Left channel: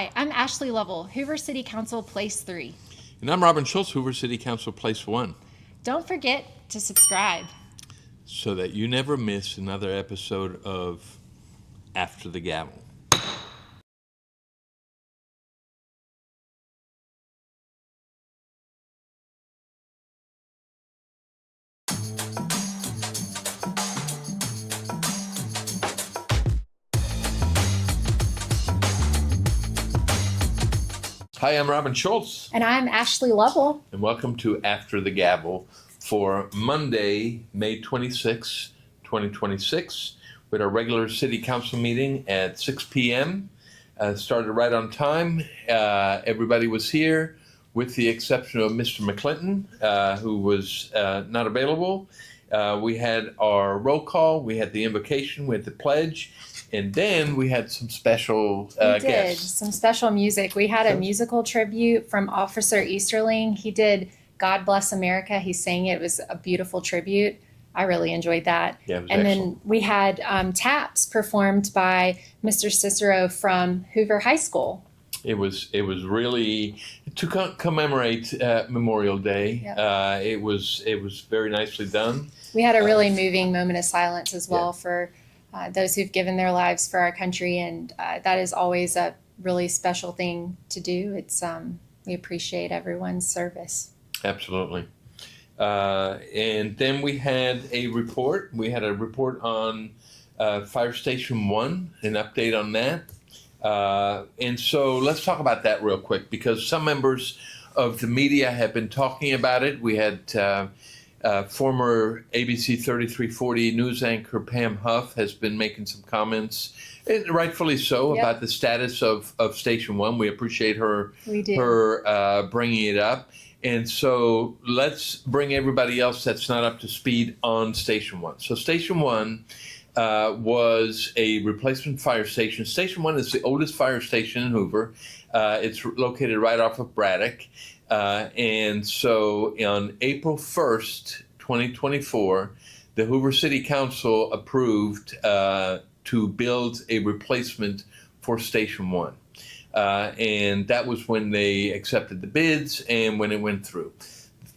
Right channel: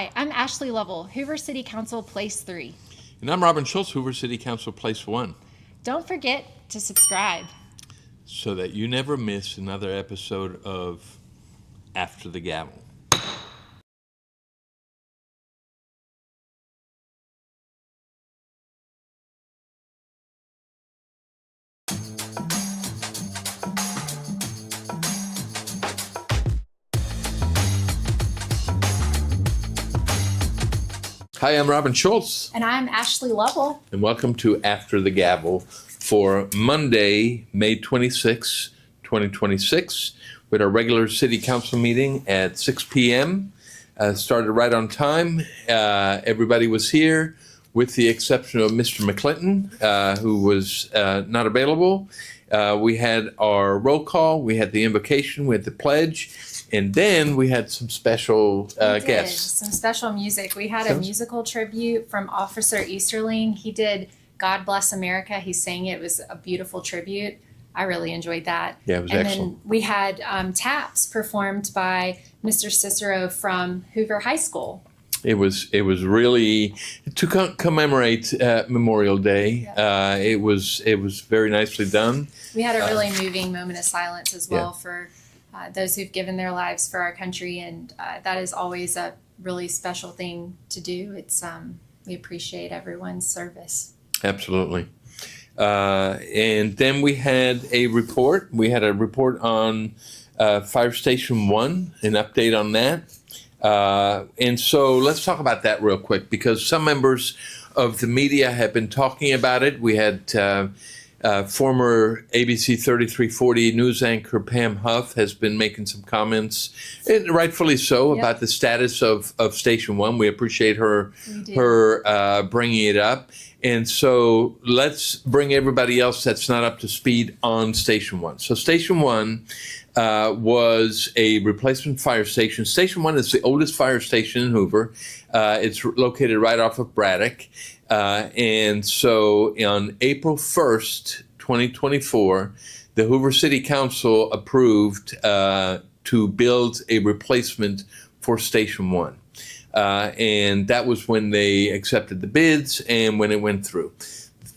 Hi, I'm Ashley Lovell, Hoover City Council Place 3. And I'm Robin Schultz, Hoover City Council Place 1, Don't forget to subscribe. so that you never miss another episode of After the Gavel. Hi, I'm Robin Schultz, And I'm Ashley Lovell. and welcome to After the Gavel for Monday, May 26, 2026, with our regular City Council meeting at 6 p.m. Started right on time. Everybody was here, with the exception of Mr. McClinton, who was not available. We had our roll call, we had the invocation, we had the pledge, and then we had some special We did guests. some special music. We had a musical tribute from Officer Easterling. He did God Bless America. He sang it. It was a beautiful tribute. I really enjoyed that. Yeah, it was and excellent. then we had taps performed by Mr. Cicero from Hoover High School. It was really to commemorate Memorial Day. Yep. It was very nicely done. We had a really moving moment of silence as well for those who've given their lives for our country, and that is always a really special thing to do. It's we appreciate everyone's service. Absolutely. And then we had a report. We had a report on Fire Station 1, an update on that. And so let's talk about that real quick, because some members of the media have been talking about it. We had former ABC 3340 news anchor Pam Huff has been making some comments, and rightfully so, Yep. about the status of Station 1. We appreciate her We do. bringing it up. And so let's bring everybody else that's not up to speed on Station 1. So Station 1 was a replacement fire station. Station 1 is the oldest fire station in Hoover. It's located right off of Braddock. And so on April 1st, 2024, the Hoover City Council approved to build a replacement for Station 1. And that was when they accepted the bids and when it went through.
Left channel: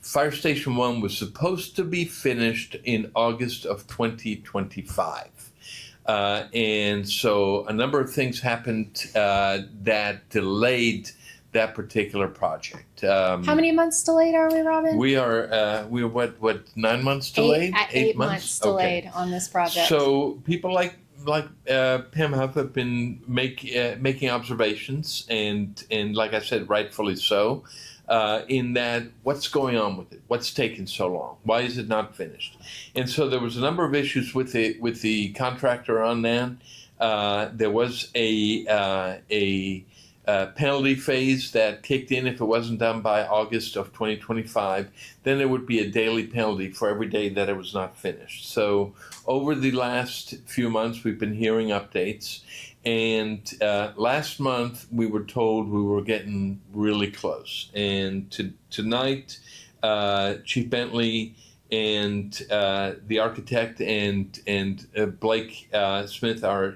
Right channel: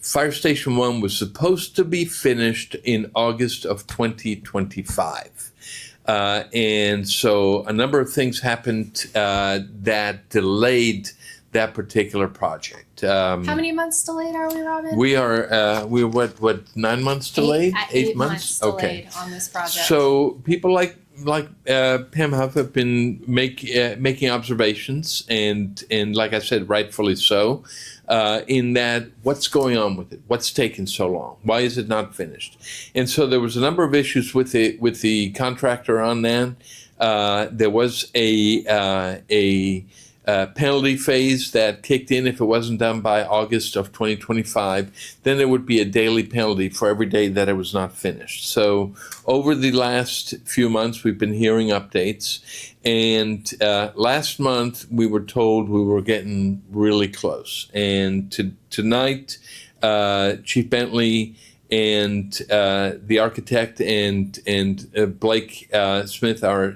Fire Station 1 was supposed to be finished in August of 2025. And so a number of things happened that delayed that particular project. How many months delayed are we, Robin? We're what 9 months delayed? 8 months delayed on this project. So people like Pam Huff have been making observations, and like I said, rightfully so, in that what's going on with it? What's taking so long? Why is it not finished? And so there was a number of issues with the contractor on that. There was a penalty phase that kicked in if it wasn't done by August of 2025. Then there would be a daily penalty for every day that it was not finished. So over the last few months, we've been hearing updates. And last month, we were told we were getting really close. And tonight, Chief Bentley and the architect and Blake Smith, our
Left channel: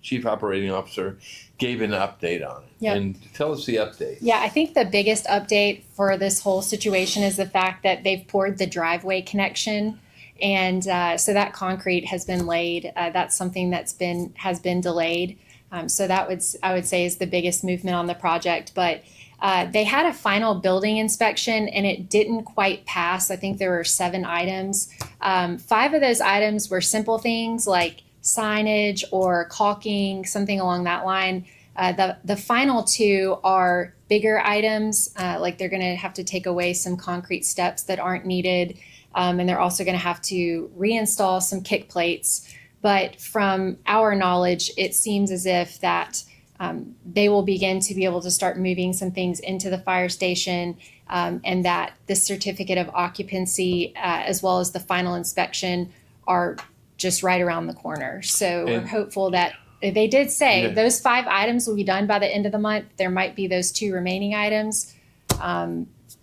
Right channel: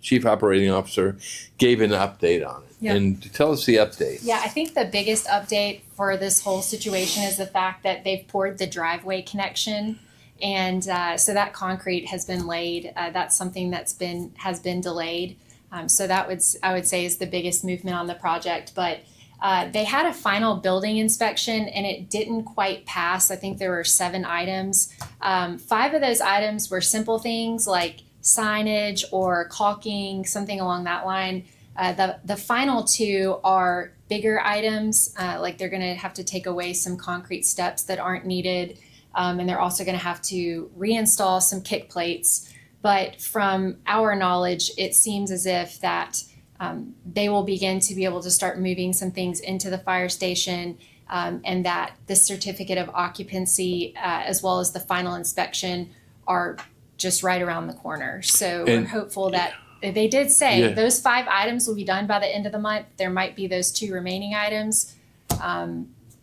chief operating officer, gave an update on it. Yep. And tell us the update. Yeah, I think the biggest update for this whole situation is the fact that they've poured the driveway connection, and so that concrete has been laid. That's something has been delayed. So that I would say is the biggest movement on the project. But they had a final building inspection and it didn't quite pass. I think there were 7 items. 5 of those items were simple things like signage or caulking, something along that line. The final 2 are bigger items, like they're going to have to take away some concrete steps that aren't needed, and they're also going to have to reinstall some kick plates. But from our knowledge, it seems as if that they will begin to be able to start moving some things into the fire station, and that the certificate of occupancy as well as the final inspection are just right around the corner. So we're hopeful that they did say those 5 items will be done by the end of the month. There might be those 2 remaining items,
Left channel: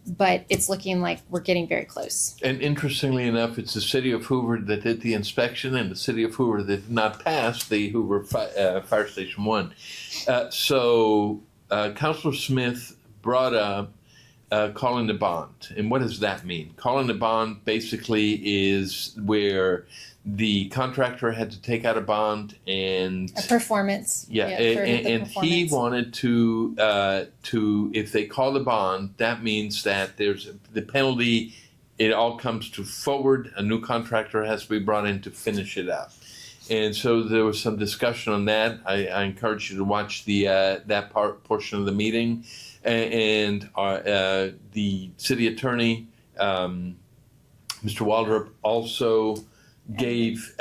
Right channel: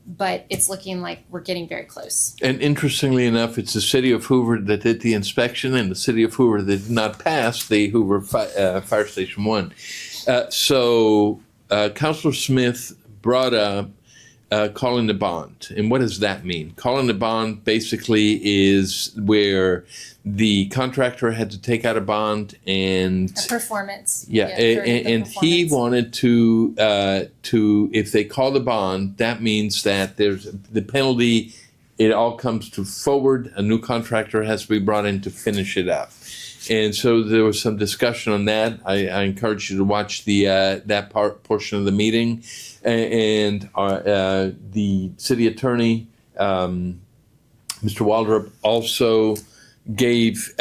but it's looking like we're getting very close. And interestingly enough, it's the city of Hoover that did the inspection and the city of Hoover that did not pass the Hoover Fire Station 1. So Councilor Smith brought up calling the bond. And what does that mean? Calling the bond basically is where the contractor had to take out a bond and A performance. yeah, and he wanted to if they call the bond, that means that there's the penalty. It all comes to forward. A new contractor has to be brought in to finish it up. And so there was some discussion on that. I encourage you to watch the that portion of the meeting. And the city attorney, Mr. Waldrop, also gave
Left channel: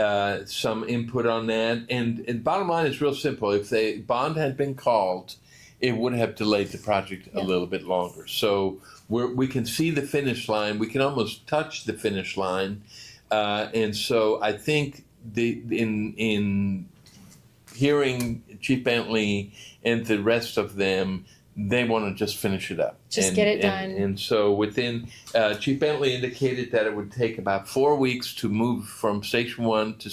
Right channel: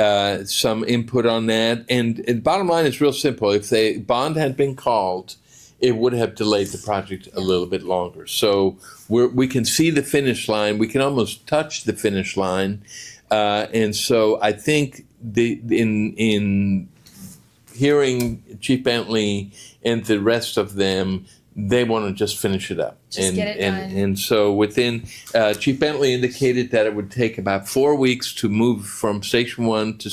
some input on that. And bottom line is real simple. If the bond had been called, it would have delayed the project a little bit longer. So we can see the finish line. We can almost touch the finish line. And so I think in hearing Chief Bentley and the rest of them, they want to just finish it up. Just get it done. And so within, Chief Bentley indicated that it would take about 4 weeks to move from Station 1 to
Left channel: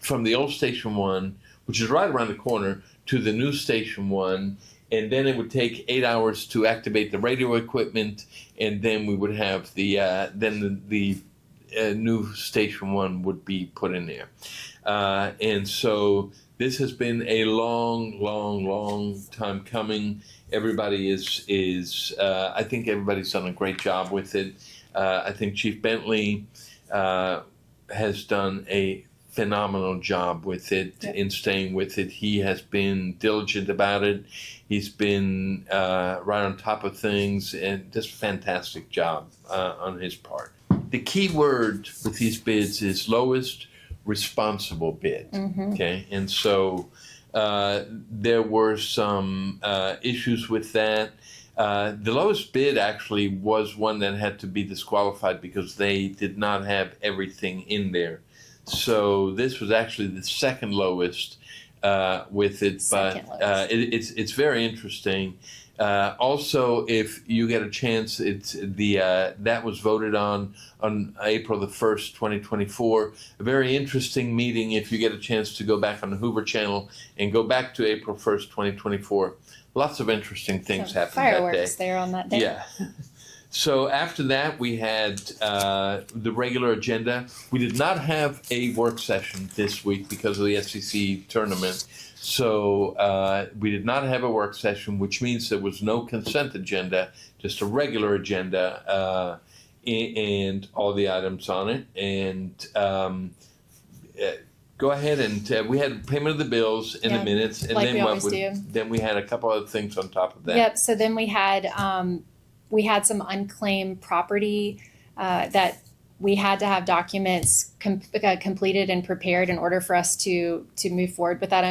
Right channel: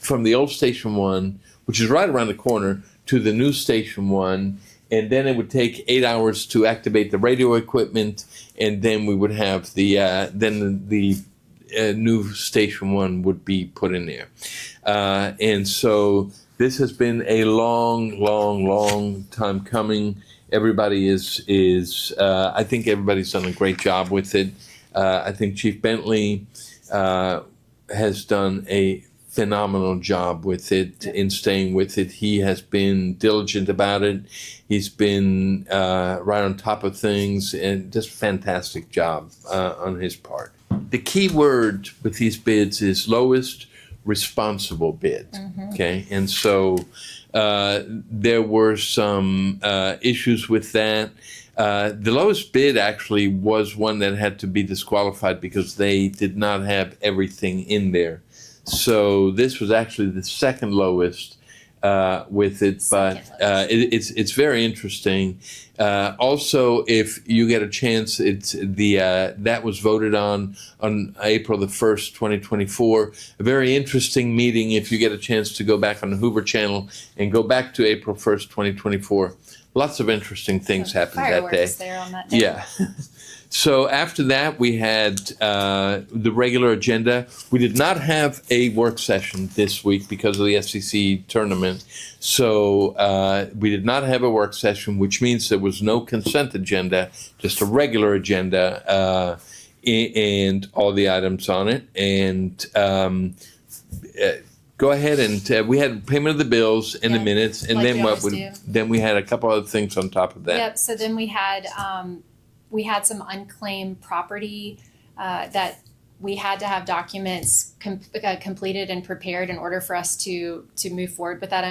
from the old Station 1, which is right around the corner, to the new Station 1. And then it would take 8 hours to activate the radio equipment. And then we would have the new Station 1 would be put in there. And so this has been a long time coming. Everybody I think everybody's done a great job with it. I think Chief Bentley has done a phenomenal job with it in staying with it. He has been diligent about it. He's been right on top of things, and just fantastic job on his part. The key word with these bids is lowest responsible bid. Okay, and so there were some issues with that. The lowest bid actually was one that had to be disqualified because they did not have everything in there. So this was actually the second lowest with it, but it's very interesting. Also, if you get a chance, it's that was voted on April the 1st, 2024. A very interesting meeting. If you get a chance to go back on the Hoover Channel and go back to April 1st, 2024, lots of interesting things happened that day. Fireworks there on that day. Yeah. So after that, we had the regular agenda. We did not have a work session this week because of the SEC tournament. So we did not have a work session, which means there was no consent agenda, just a regular agenda and all the items on it. And go ahead and we had payment of the bills and the minutes. And like then we had a couple other things on top of that. Yep. So then we had some unclaimed property that we had to have documents completed and prepared in order for us to move forward with that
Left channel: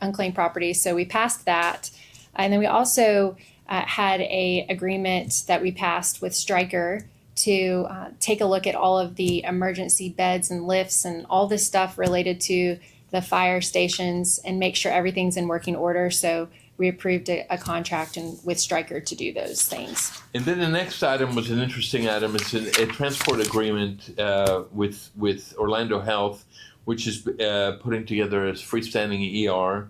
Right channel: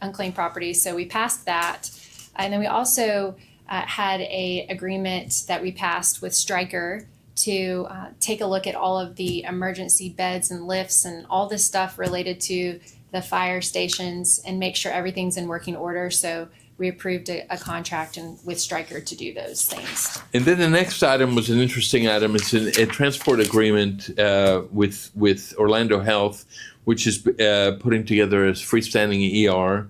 unclaimed property. So we passed that. And then we also had a agreement that we passed with Stryker to take a look at all of the emergency beds and lifts and all this stuff related to the fire stations and make sure everything's in working order. So we approved a contract with Stryker to do those things. And then the next item was an interesting item. It's a transport agreement with Orlando Health, which is putting together a freestanding ER.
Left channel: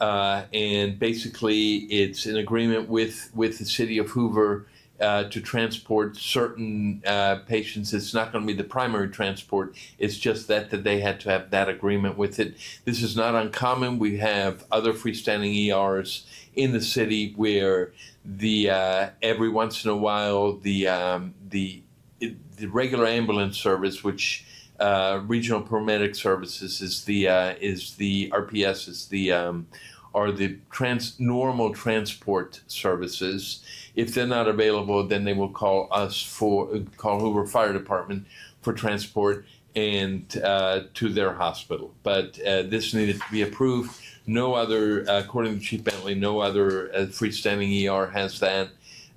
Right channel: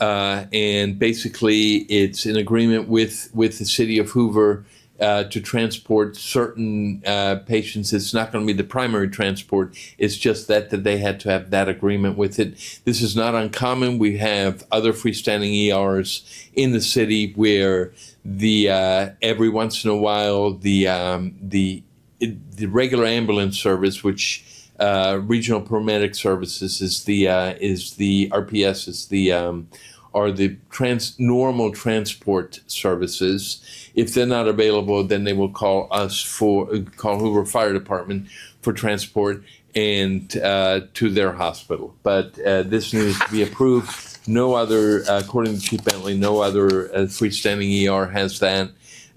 And basically, it's an agreement with the city of Hoover to transport certain patients. It's not going to be the primary transport. It's just that they had to have that agreement with it. This is not uncommon. We have other freestanding ERs in the city where every once in a while the regular ambulance service, which regional paramedic services is the RPS is are the normal transport services. If they're not available, then they will call Hoover Fire Department for transport and to their hospital. But this needs to be approved. No other, according to Chief Bentley, no other freestanding ER has that.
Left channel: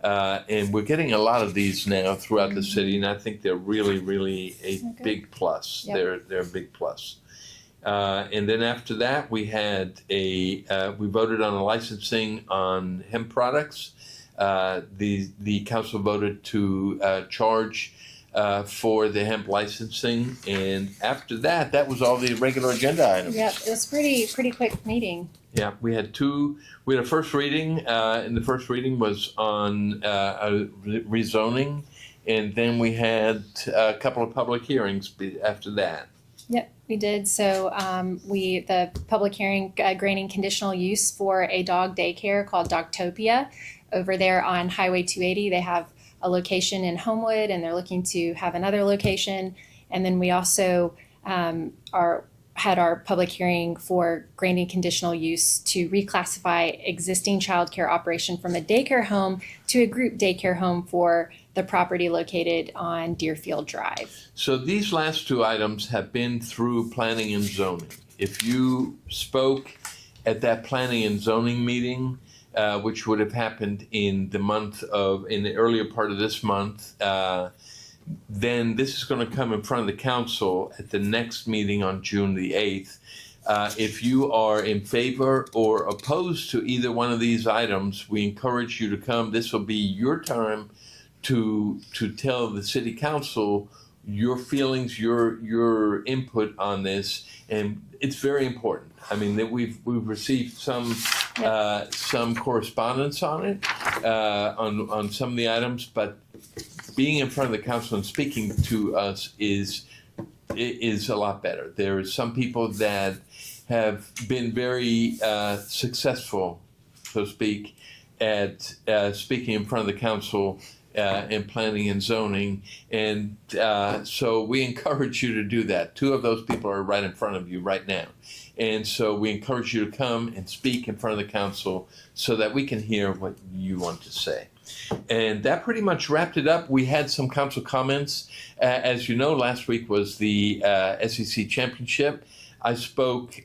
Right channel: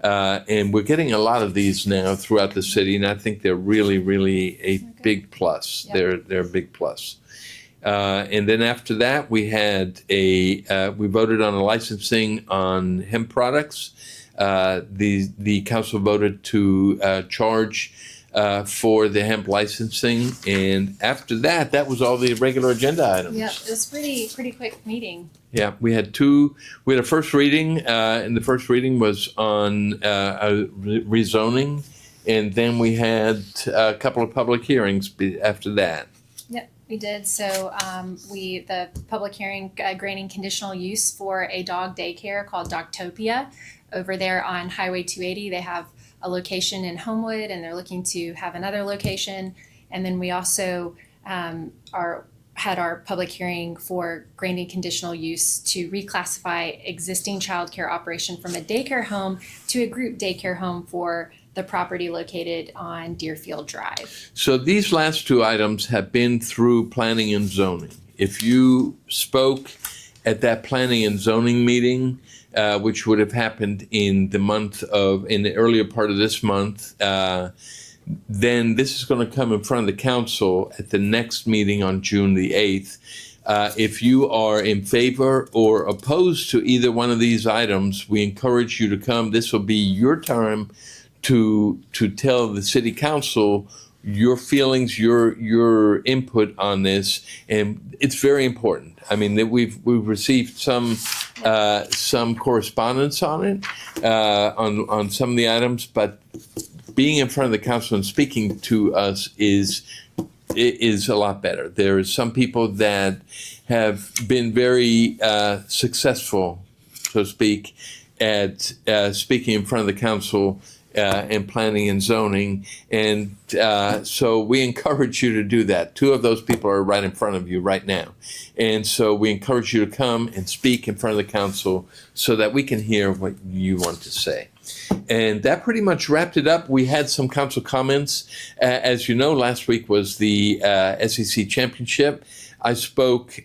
And we're getting a lot of these now throughout the city, and I think they're really a big plus. Yep. They're a big plus. And then after that, we had we voted on a licensing on hemp products. The council voted to charge for the hemp licensing. And after that, that was all the regular agenda items. Yep, it was pretty quick meeting. Yeah, we had a first reading, and the first reading was on rezoning, and then we had a couple of public hearings after that. Yep, we did. So the public hearing granting conditional use for a dog daycare called Dogtopia over there on Highway 280. They have a location in Homewood, and they're looking to have another location. And then we also had our public hearing for granting conditional use to reclassify existing childcare operation from a daycare home to a group daycare home for the property located on Deerfield Drive. So these last two items have been through planning and zoning. If you spoke at that planning and zoning meeting, which would have happened in the earlier part of this month, then this is going to come in front of the council at the next meeting on June the 8th. If you are in favor or opposed to either one of these items, we encourage you to come. This will be your time to tell the city council your feelings, your input on this, and it's very important. I mean, that we've received some correspondence on it, on some of the items, but being in front of the council and speaking to us is a lot better. There are some people that have been very successful, so to speak, at speaking in front of the council and planning and zoning, and so we encourage you to do that. Two of those people are right in front of you right now, and so we encourage you to come and speak in front of the council so that we can hear what you want to say. And that pretty much wrapped it up. We had some council comments. As you know, last week was the SEC Championship. I spoke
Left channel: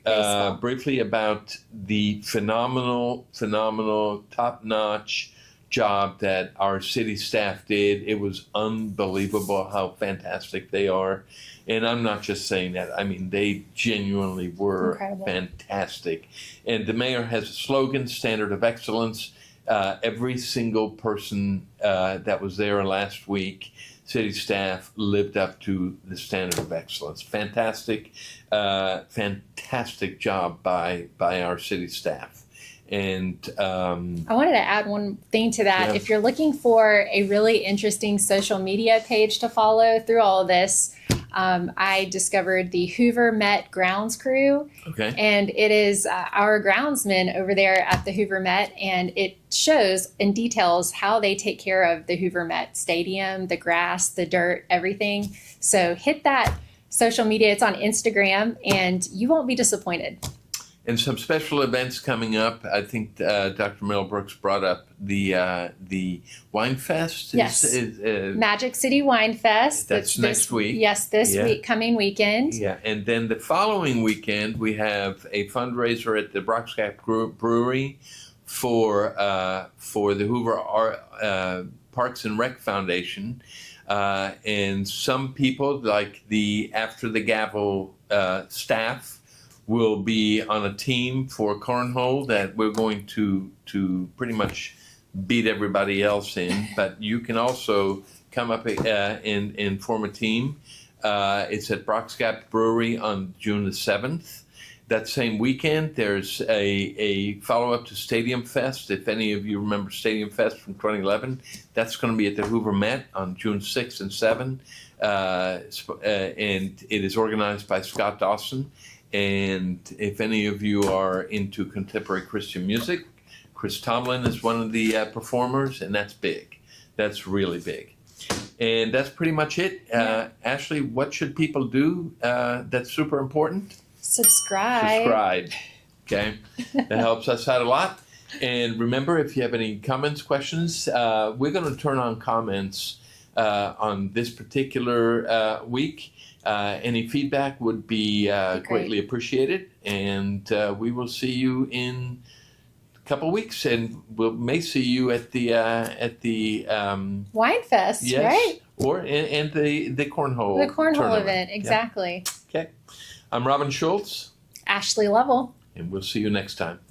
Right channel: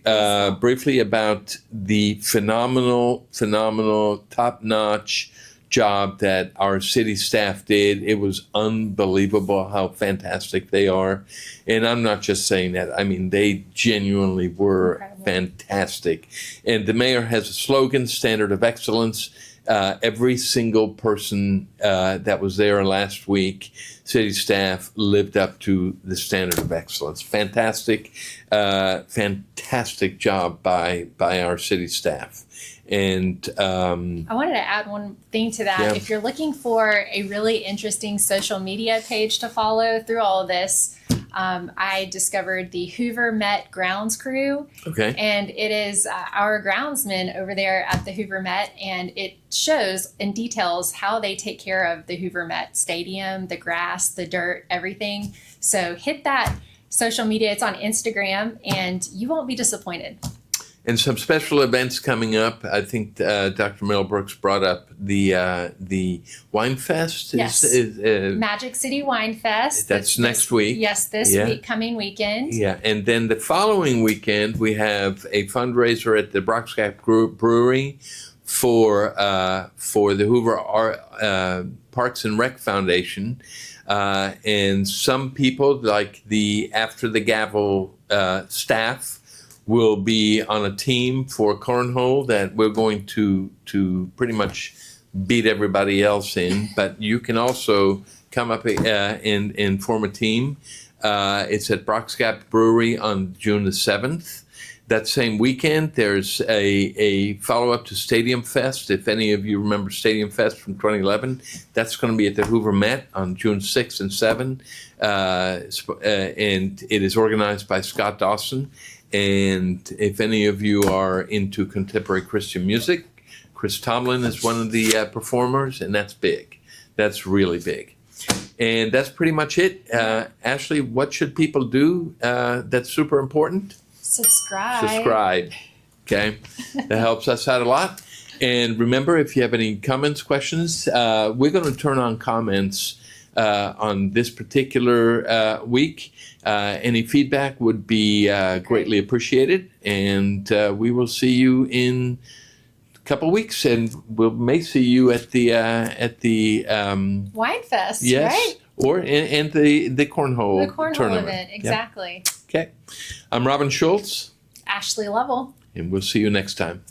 briefly about the phenomenal, top-notch job that our city staff did. It was unbelievable how fantastic they are. And I'm not just saying that. I mean, they genuinely were incredible. Fantastic. And the mayor has a slogan, Standard of Excellence. Every single person that was there last week, city staff, lived up to the standard of excellence. Fantastic job by our city staff. And I wanted to add one thing to that. Yeah. If you're looking for a really interesting social media page to follow through all of this, I discovered the Hoover Met Grounds Crew. Okay. And it is our groundsmen over there at the Hoover Met, and it shows and details how they take care of the Hoover Met Stadium, the grass, the dirt, everything. So hit that social media. It's on Instagram, and you won't be disappointed. And some special events coming up. I think Dr. Mel Brooks brought up the Wine Fest. Yes. Magic City Wine Fest. That's next week. Yes, this coming weekend. Yeah, and then the following weekend we have a fundraiser at the Brock's Gap Brewery for the Hoover Parks and Rec Foundation. And some people, like the After the Gavel staff, will be on a team for cornhole that we're going to pretty much beat everybody else in. But you can also come up and form a team. It's at Brock's Gap Brewery on June the 7th. That same weekend, there's a follow-up to Stadium Fest. If any of you remember Stadium Fest from 2011, that's going to be at the Hoover Met on June 6th and 7th. And it is organized by Scott Dawson. And if any of you are into contemporary Christian music, Chris Tomlin is one of the performers, and that's big. That's really big. And that's pretty much it. Ashley, what should people do that's super important? Subscribe. Okay. That helps us out a lot. And remember, if you have any comments, questions, we're going to turn on comments on this particular week. Any feedback would be greatly appreciated, and we will see you in a couple of weeks, and we may see you at the Wine Fest, yes, right? Or and the cornhole tournament. Event, exactly. Yeah. Okay, I'm Robin Schultz. Ashley Lovell. And we'll see you next time.